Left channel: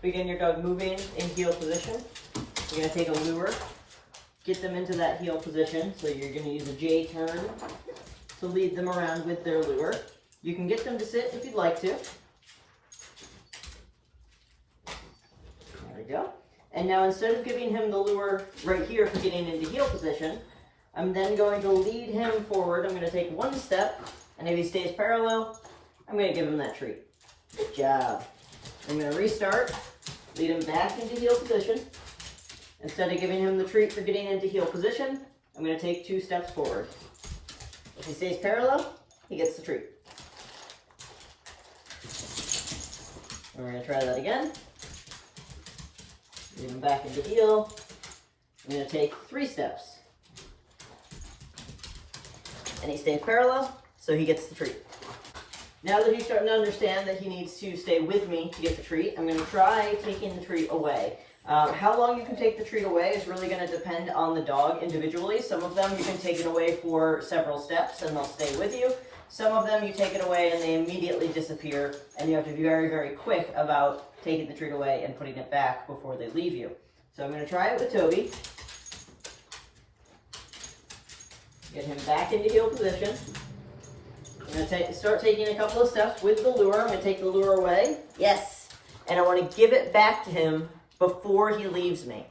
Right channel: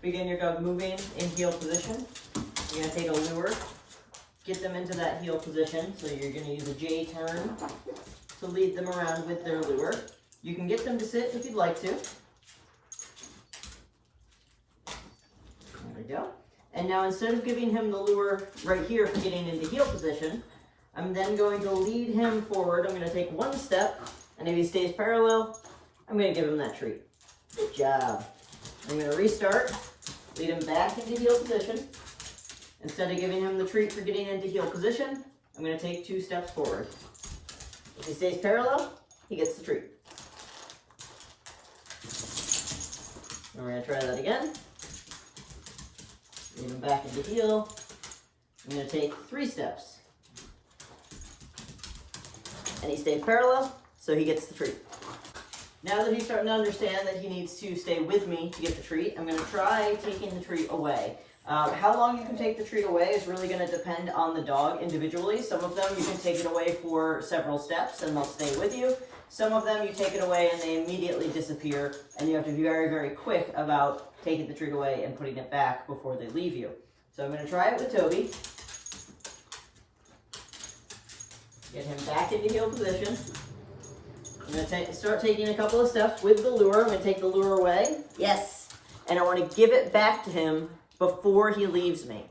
begin your dog moving in heel position, you're going to take a lure, get them into that heel position. So you're going to use a J turn to lead them around with their lure. You can get them to sit if you'd like to. There we go. And now instead of giving him the lure right here for getting into heel position, I'm then going to lead him forward. I'm going to take one step, and if he stays parallel, I'm going to give him that treat. Good job. I'm going to restart, lead him back into heel position. Instead of giving him the treat for getting into heel position, I'm going to take 2 steps forward. If he stays parallel, he gets the treat. And we're going to try that again. Lead him back into heel. I'm going to take 3 steps. And he stays parallel, so he gets the treat. Now that he's starting to understand that he needs to stay with me to get the treat, I'm going to try taking the treat away. How long you can take the treat away is really going to depend on the dog individually. Some of them you can take it away for several steps and they'll stay with you. Some of them you take it away and they immediately disappear, and you have to be very, very quick about taking the treat away and putting it back before they leave you. So I'm going to try it with Toby. Get him back into heel position. I'm going to start taking a couple of steps with the lure. I'm going to take the lure away. Yes. And I want to give it back to him before he leaves me.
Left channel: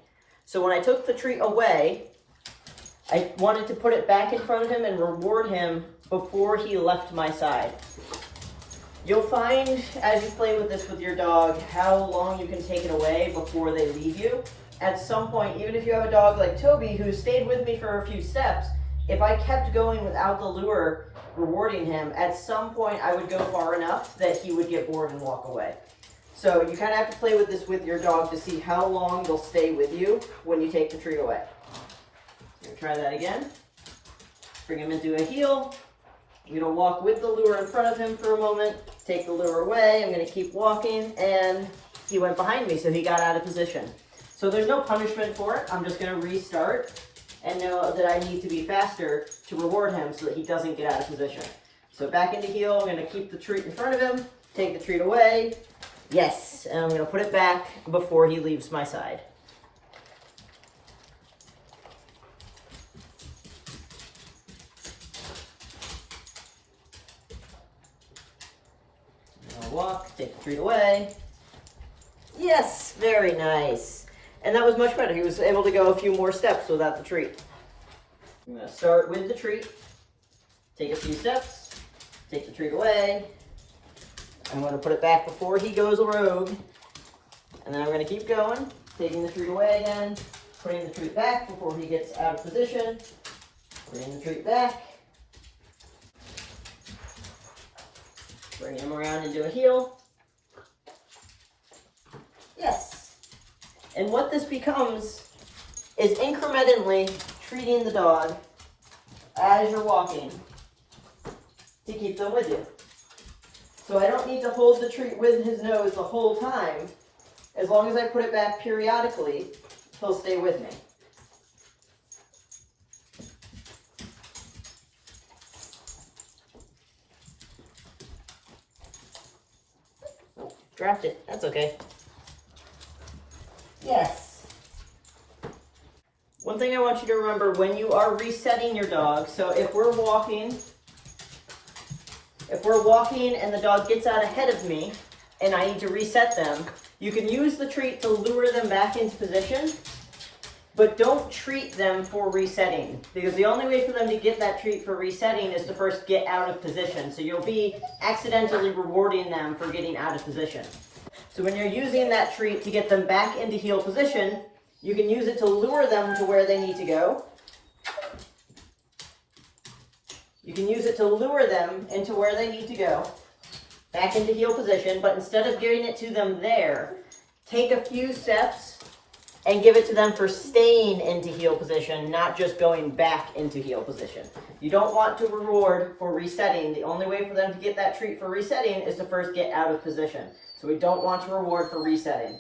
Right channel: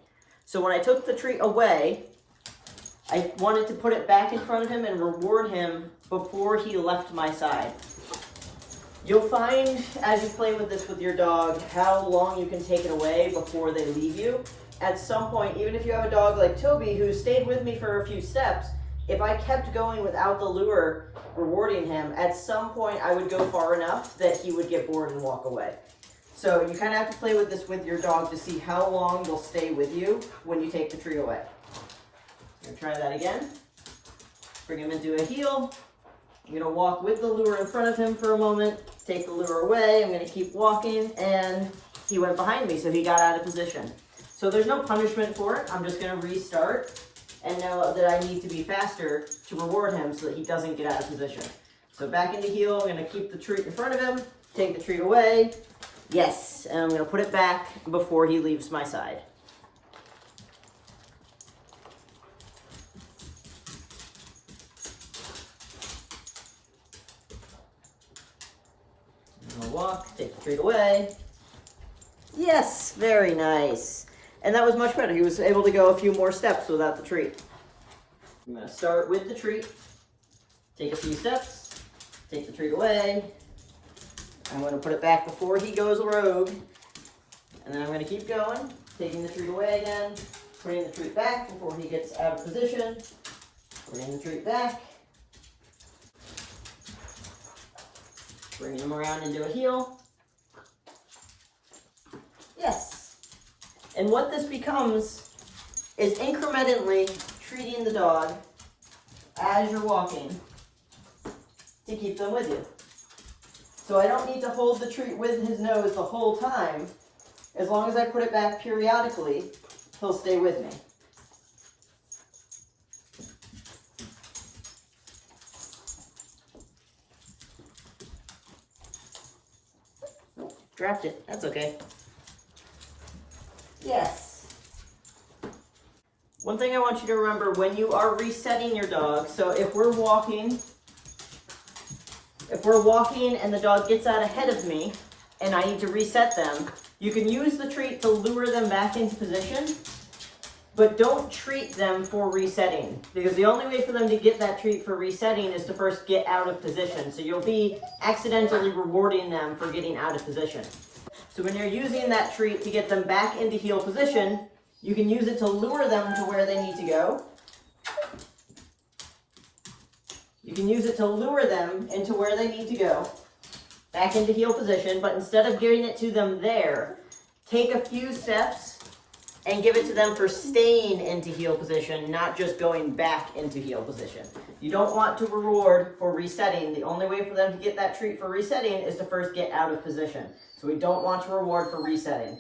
So when I took the treat away, I wanted to put it back in front of him and reward him before he left my side. You'll find as you play with this with your dog how long you can take it away before they leave you. At some point, even if you have a dog like Toby who stayed with me for a few steps, if I kept going without the lure rewarding him, at some point I would go far enough that he would get bored and walk away. So you kind of have to play with this with your dog to see how long they'll stay with you when you take the treat away. I'm going to try that again. Bring him into a heel. I'm going to walk with the lure in front of him for a moment, take the lure away. I'm going to keep walking, and he went behind me, so he got out of position. So there's no punishment for it. I'm just going to restart and know that I need to be faster to reward him so that he doesn't get out of position. So back into heel. I'm going to keep the treat in front of him, take the treat away. Yes, and I'm going to put it back before he leaves my side. I'm going to walk, take the treat away. Yes, very nice. And that was much better. He was able to go a few more steps without the treat. I'm going to start with the treat, take a few steps, take the treat away. I'm going to put it back before he goes rogue. And then I'm going to keep going, taking the treat away again, putting the treat back before he gets out of position, putting the treat back, bring him around into a heel. Yes. And what this becomes is incrementally treating the dog as you're walking to keep them with you. So I don't need to hold the treat with his nose the whole time. As long as I put it back periodically, he'll stay with me. Oh, dropped it. That's okay. Yes. One thing I want you to remember when you are resetting your dog, so if we're walking and the dog gets out ahead of me and I need to reset them, you can use the treat to lure them back into position, but don't treat them for resetting, because the only way for them to get that treat for resetting is to first get out of position. So you'll be accidentally rewarding them for getting out of position. So when you're using that treat to get them back into heel position, you can use it to lure them to where they need to go. You can use it to lure them into where they need to go, back into heel position, but instead of giving it to them there, take a few steps and give it to them for staying into heel position, not just going back into heel position. You don't want to reward for resetting. The only way for them to get that treat for resetting is to first get out of position. So we don't want to reward for resetting.